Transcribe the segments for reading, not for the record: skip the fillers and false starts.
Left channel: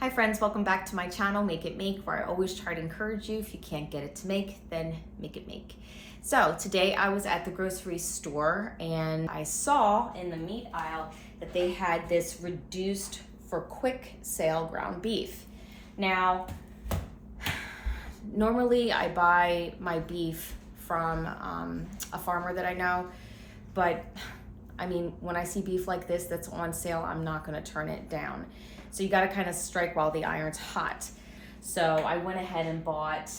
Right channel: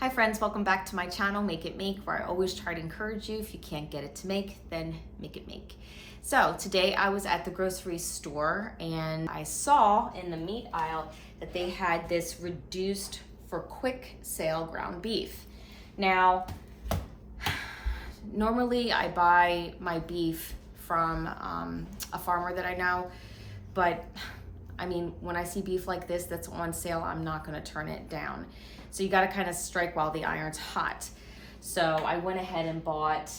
Hi friends, welcome back to my channel, Make It Make, where I always try to encourage you, if you can't get it to make, then make it make. So today I was at the grocery store and I saw in the meat aisle that they had this reduced for quick sale ground beef. Now, normally I buy my beef from a farmer that I know, but I mean, when I see beef like this that's on sale, I'm not gonna turn it down. So you gotta kind of strike while the iron's hot. So I went ahead and bought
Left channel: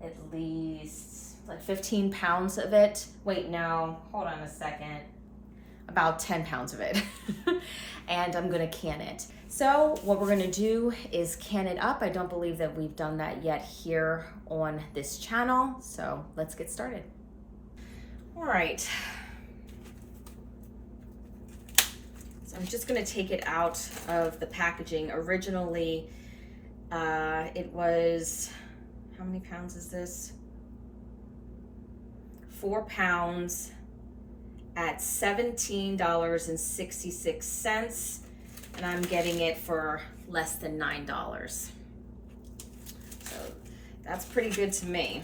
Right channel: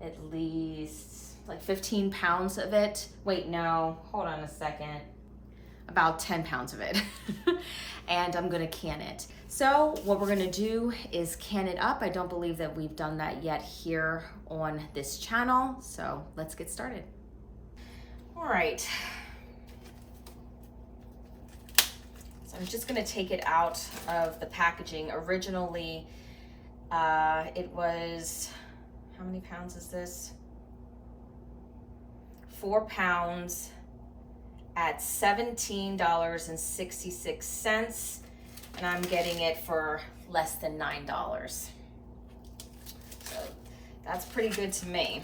at least like 15 pounds of it. Wait, no, hold on a second. About 10 pounds of it. And I'm gonna can it. So what we're gonna do is can it up. I don't believe that we've done that yet here on this channel. So let's get started. All right. So I'm just gonna take it out of the packaging. Originally, it was, how many pounds is this? 4 pounds at $17.66, and I'm getting it for less than $9. So that's pretty good to me.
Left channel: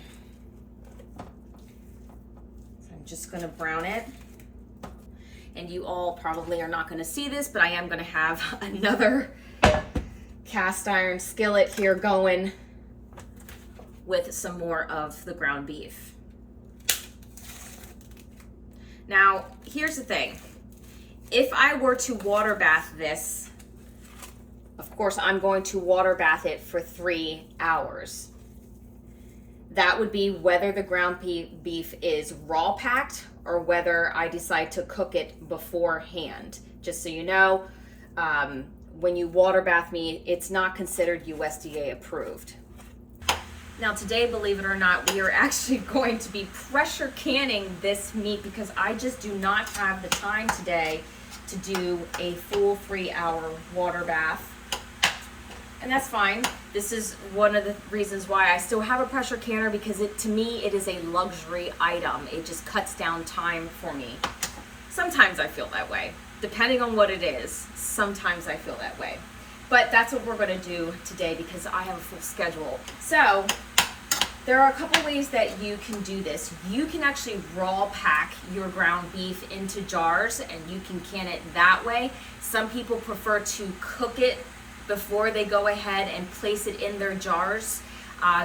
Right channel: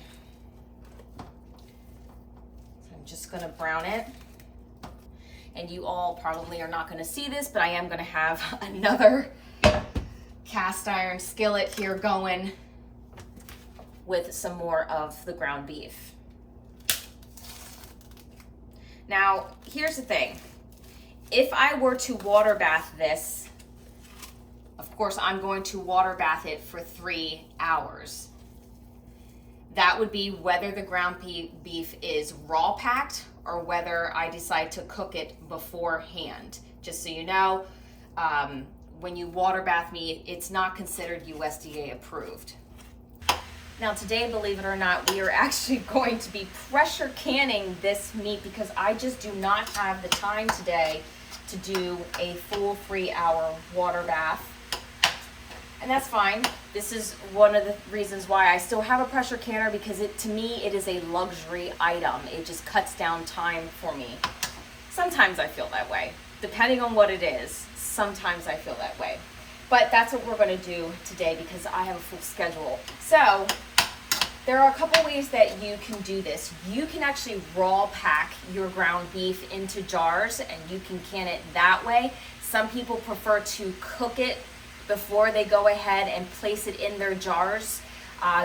So I'm just gonna brown it. And you all probably are not gonna see this, but I am gonna have another cast iron skillet here going with some more of the ground beef. Now, here's the thing. If I were to water bath this, of course, I'm going to water bath it for 3 hours. That would be whether the ground beef is raw packed or whether I decide to cook it beforehand. Just so you know, when you water bath meat, it's not considered USDA approved. Now today, believe it or not, we are actually going to be pressure canning this meat because I just do not have the time today to do a full 3-hour water bath. And that's fine. This is one of the reasons why I still have a pressure canner, because to me, it is a luxury item. It just cuts down time for me. Sometimes I feel that way. Depending on what it is, sometimes I feel that way. But that's what we're gonna do today because I have a full schedule. So, there are a couple ways that you can do this. You can actually raw pack your ground beef into jars and you can can it that way. Some people prefer to cook it before they go ahead and place it in their jars,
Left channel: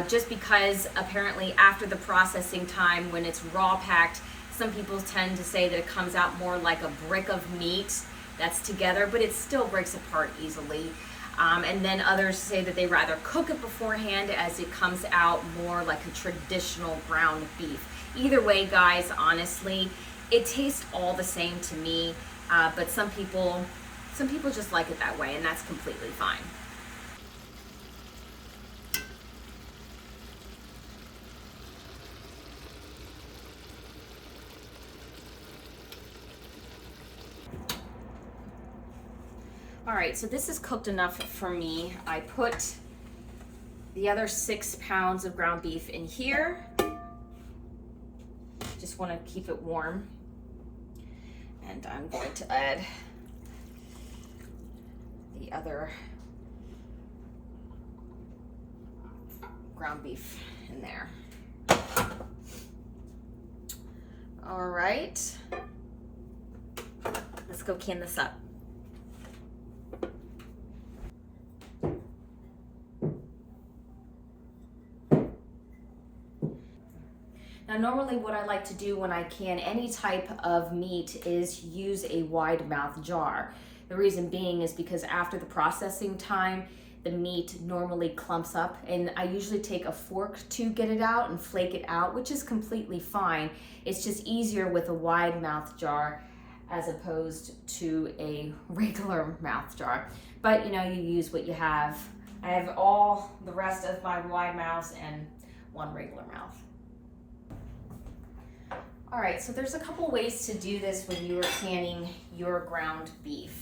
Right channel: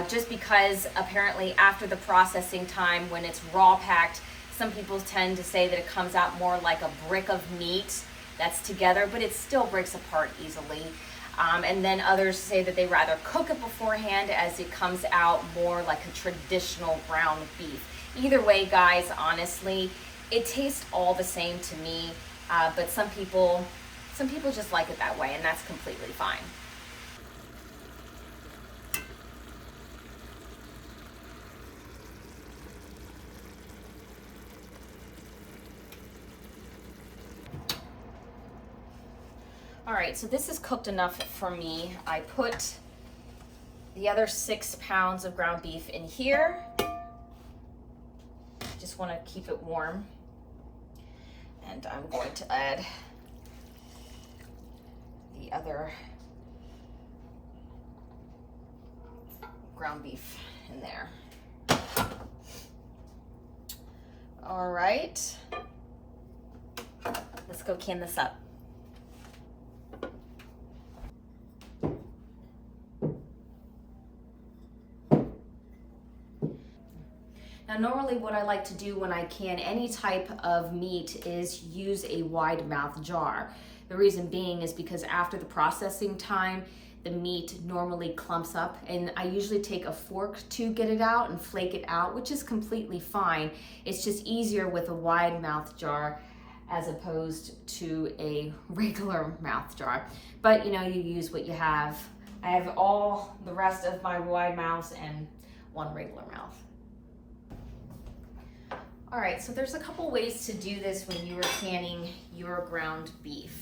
just because apparently after the processing time, when it's raw packed, some people tend to say that it comes out more like a brick of meat that's together, but it still breaks apart easily. And then others say that they rather cook it beforehand as it comes out more like a traditional ground beef. Either way, guys, honestly, it tastes all the same to me, but some people just like it that way, and that's completely fine. All right, so this is cooked enough for me. I put the other 6 pounds of ground beef in here. Just want to keep it warm. And I'm going to add the other ground beef in there. All right, let's go can this up. Now, normally what I like to do when I can any type of meat is use a wide mouth jar. The reason being is because after the processing time, the meat normally clumps up, and I usually take a fork to get it out and flake it out, which is completely fine. It's just easier with a wide mouth jar as opposed to a regular mouth jar. But you know, you use what you have. I have all the rest of my wide mouths and one regular mouth. All right, so there's a couple ways to do this when you are canning your ground beef.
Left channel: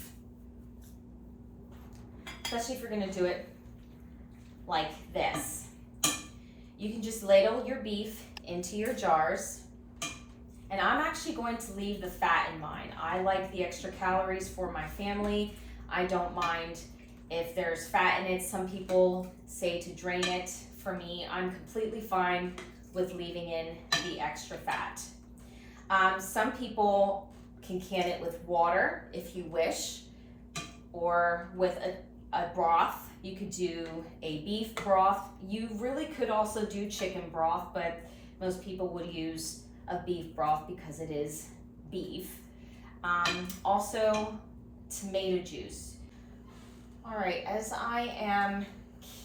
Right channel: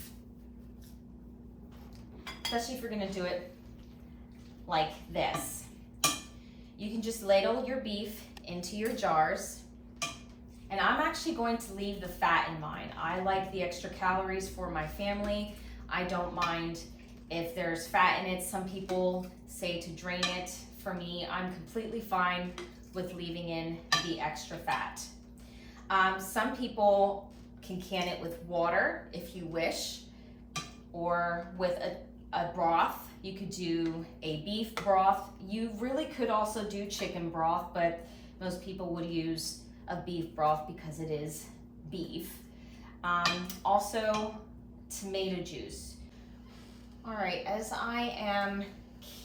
Especially if you're gonna do it like this. You can just ladle your beef into your jars. And I'm actually going to leave the fat in mine. I like the extra calories for my family. I don't mind If there's fat in it, some people say to drain it. For me, I'm completely fine with leaving in the extra fat. Some people can can it with water if you wish, or with a broth. You could do a beef broth. You really could also do chicken broth, but most people would use a beef broth because it is beef. Also, tomato juice. All right, as I am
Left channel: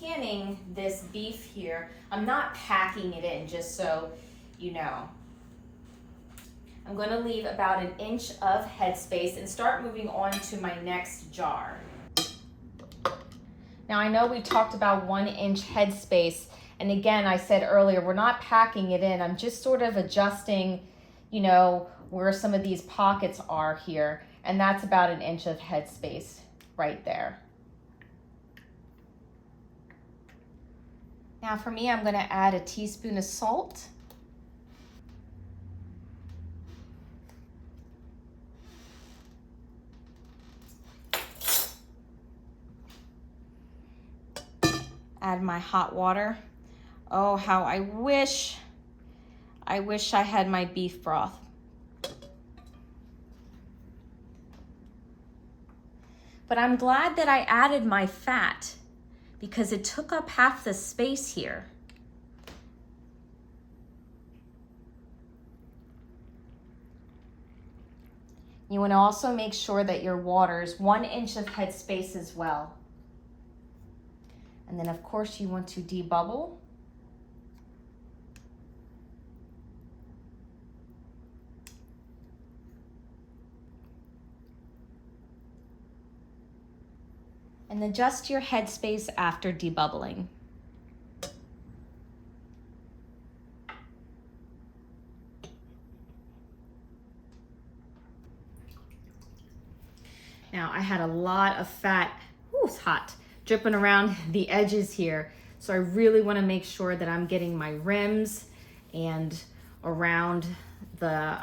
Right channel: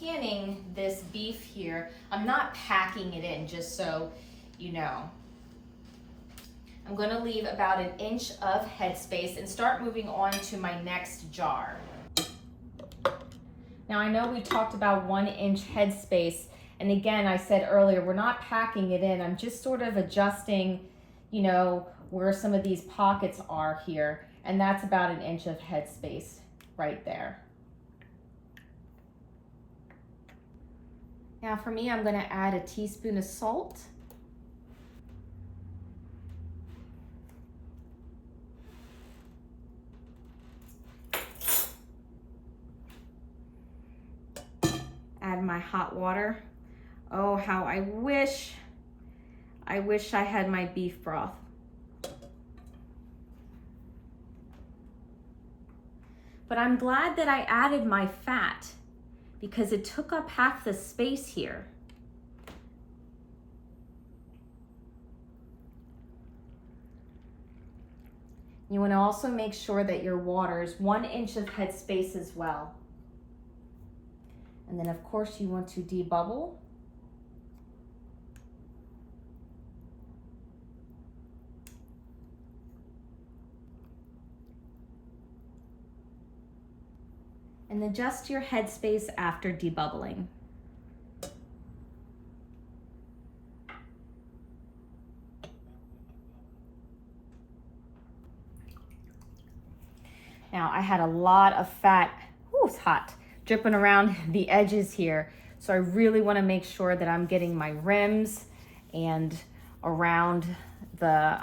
canning this beef here, I'm not packing it in, just so you know. I'm going to leave about 1 inch of headspace and start moving on to my next jar. Now I know we talked about 1 inch headspace, and again, I said earlier, we're not packing it in. I'm just sort of adjusting, you know, where some of these pockets are here, and that's about 1 inch of headspace right there. Now for me, I'm going to add a teaspoon of salt. Add my hot water. Oh, how I wish I had my beef broth. But I'm glad that I added my fat because it took up half the space here. You want to also make sure that your water is 1 inch of headspace as well. And then of course you want to debubble. And adjust your headspace after debubbling. Now I had a lot of fat, ooh, it's hot, dripping around the edges here. So I really want to make sure that I'm getting my rims and around the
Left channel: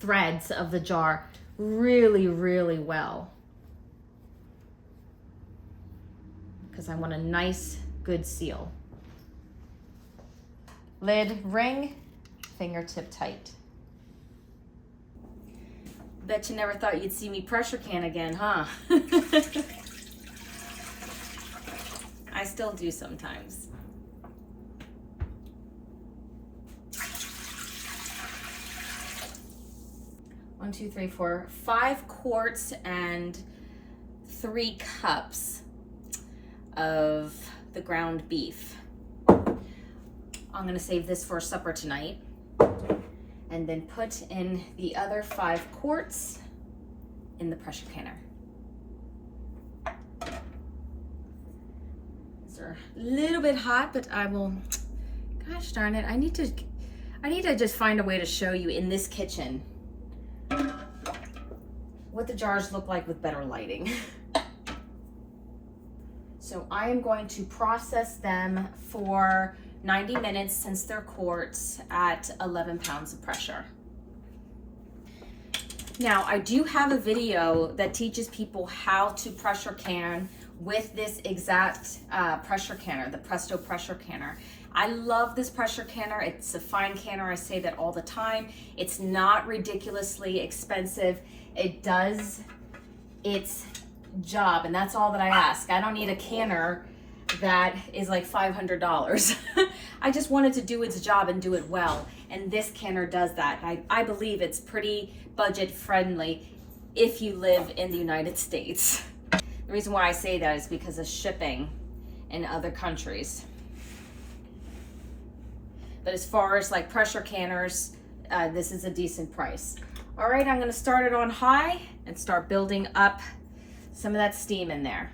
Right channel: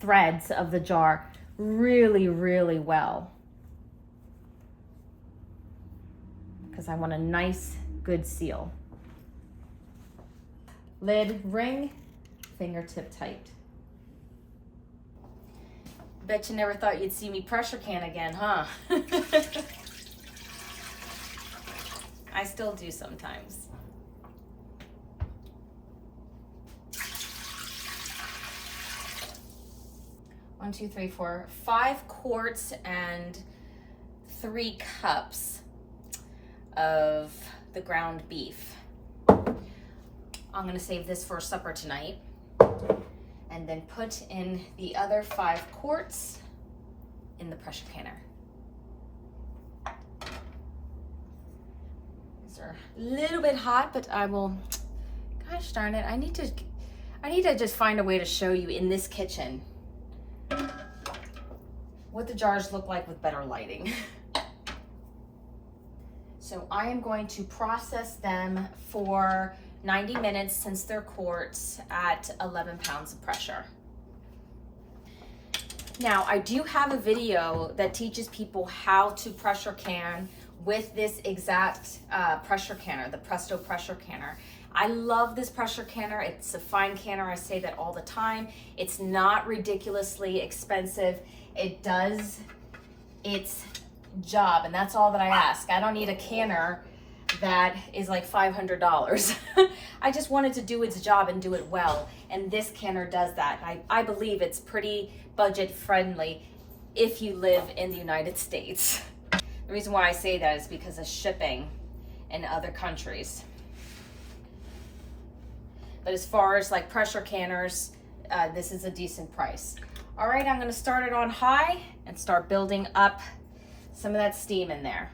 threads of the jar really, really well. Because I want a nice, good seal. Lid ring, fingertip tight. Bet you never thought you'd see me pressure can again, huh? I still do sometimes. One, two, three, four, 5 quarts and 3 cups of the ground beef. I'm gonna save this for supper tonight and then put in the other 5 quarts in the pressure canner. These are a little bit hot, but I will, gosh darn it, I need to just find a way to show you in this kitchen what the jars look like with better lighting. So I am going to process them for 90 minutes since they're quarts at 11 pounds of pressure. Now I do have a video that teaches people how to pressure can with this exact pressure canner, the Presto pressure canner. I love this pressure canner. It's a fine canner. I say that all the time. It's not ridiculously expensive. It does its job, and that's all that I ask. I don't need a canner that is like $500. I just wanted to do its job and do it well, and this canner does that. I believe it's pretty budget friendly if you live in the United States. The reason why I say that is because of shipping in other countries. But as far as like pressure canners, this is a decent price. All right, I'm gonna start it on high and start building up some of that steam in there.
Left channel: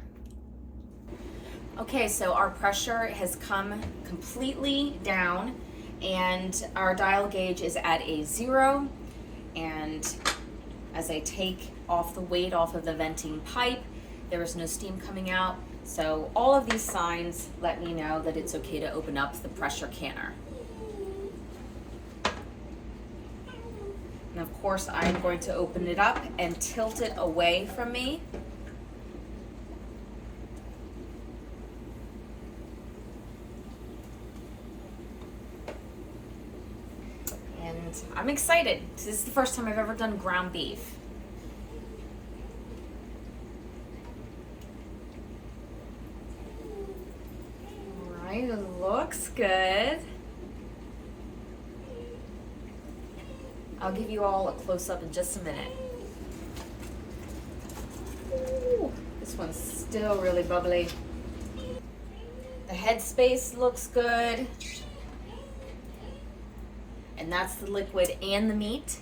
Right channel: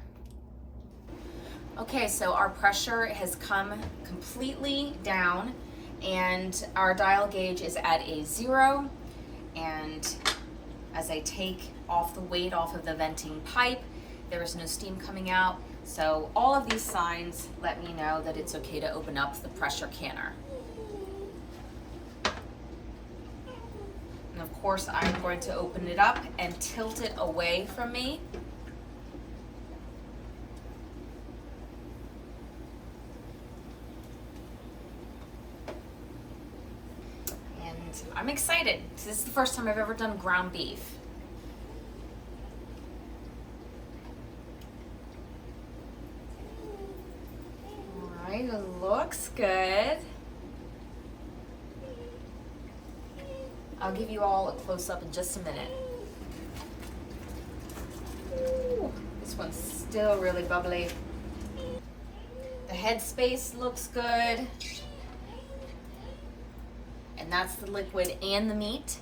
Okay, so our pressure has come completely down and our dial gauge is at a 0. And as I take off the weight off of the venting pipe, there is no steam coming out. So all of these signs let me know that it's okay to open up the pressure canner. And of course, I'm going to open it up and tilt it away from me. I'm excited. This is the first time I've ever done ground beef. All right, it looks good. I'll give you all a close-up in just a minute. Ooh, this one's still really bubbly. The headspace looks good. And that's the liquid and the meat.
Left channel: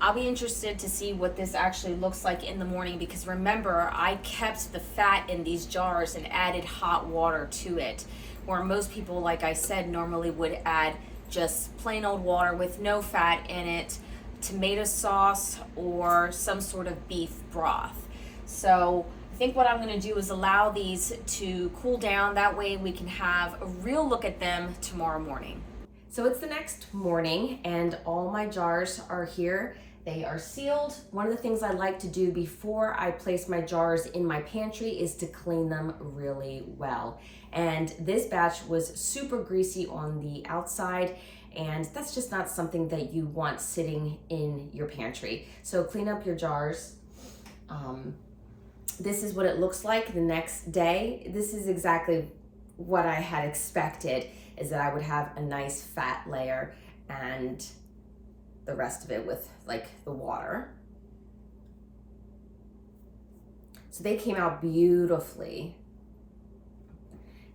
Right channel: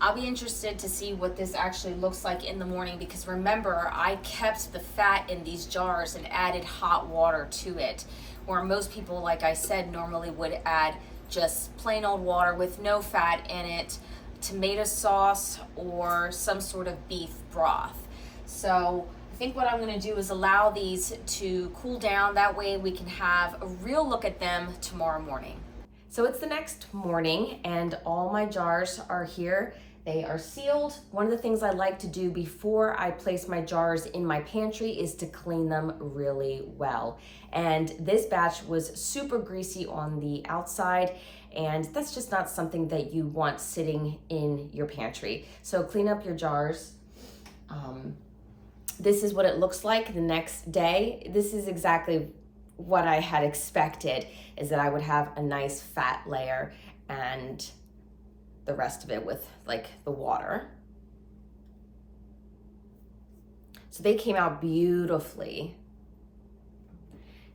I'll be interested to see what this actually looks like in the morning, because remember, I kept the fat in these jars and added hot water to it, where most people, like I said, normally would add just plain old water with no fat in it, tomato sauce, or some sort of beef broth. So I think what I'm going to do is allow these to cool down. That way we can have a real look at them tomorrow morning. So it's the next morning and all my jars are here. They are sealed. One of the things I like to do before I place my jars in my pantry is to clean them really well. And this batch was super greasy on the outside, and that's just not something that you want sitting in your pantry. So clean up your jars. This is what it looks like the next day. This is exactly what I had expected, is that I would have a nice fat layer and the rest of it with like the water. So they came out beautifully.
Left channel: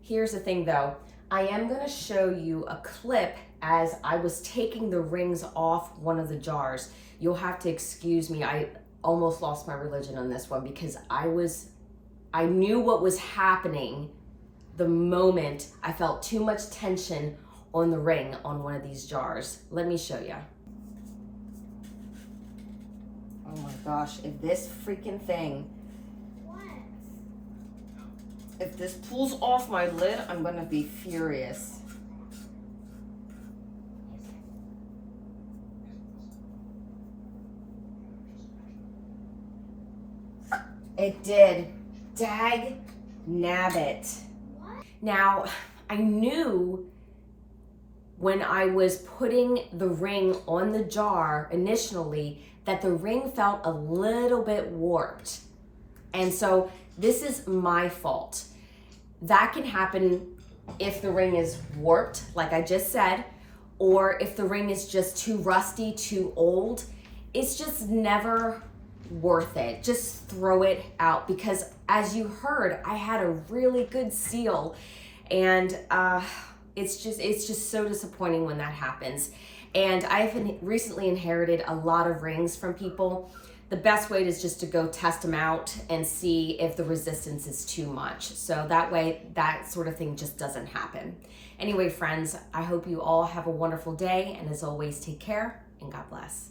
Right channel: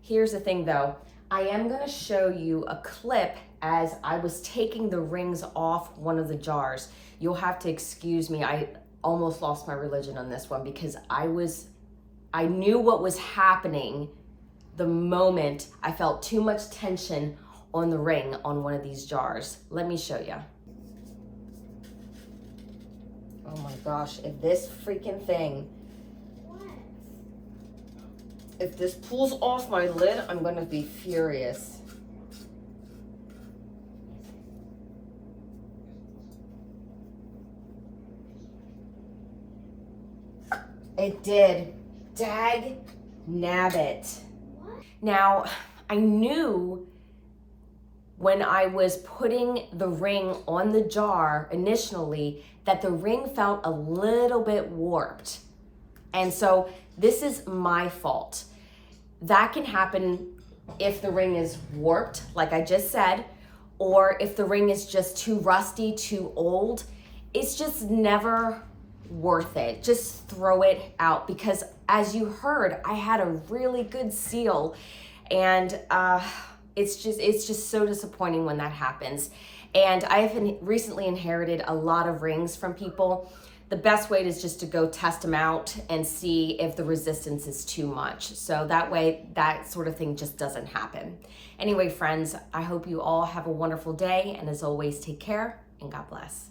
Here's the thing though, I am gonna show you a clip as I was taking the rings off one of the jars. You'll have to excuse me, I almost lost my religion on this one, because I knew what was happening the moment I felt too much tension on the ring on one of these jars. Let me show you. Oh my gosh, if this freaking thing, if this pulls off my lid, I'm gonna be furious. It did. Dag nabbit. Now, I knew when I was putting the ring on the jar initially that the ring felt a little bit warped. And so this is my fault. That can happen if the ring is warped, like I just said, or if the ring is just too rusty, too old. It's just never worth it. Just throw it out, because as you heard, I had a really good seal, and it's just so disappointing when that happens. And I have recently inherited a lot of rings from people. The best way is just to go test them out and see if the resistance is too much. So that way, that sort of thing just doesn't happen. Anyway, friends, I hope you all have a wonderful day, and as always, take care and God bless.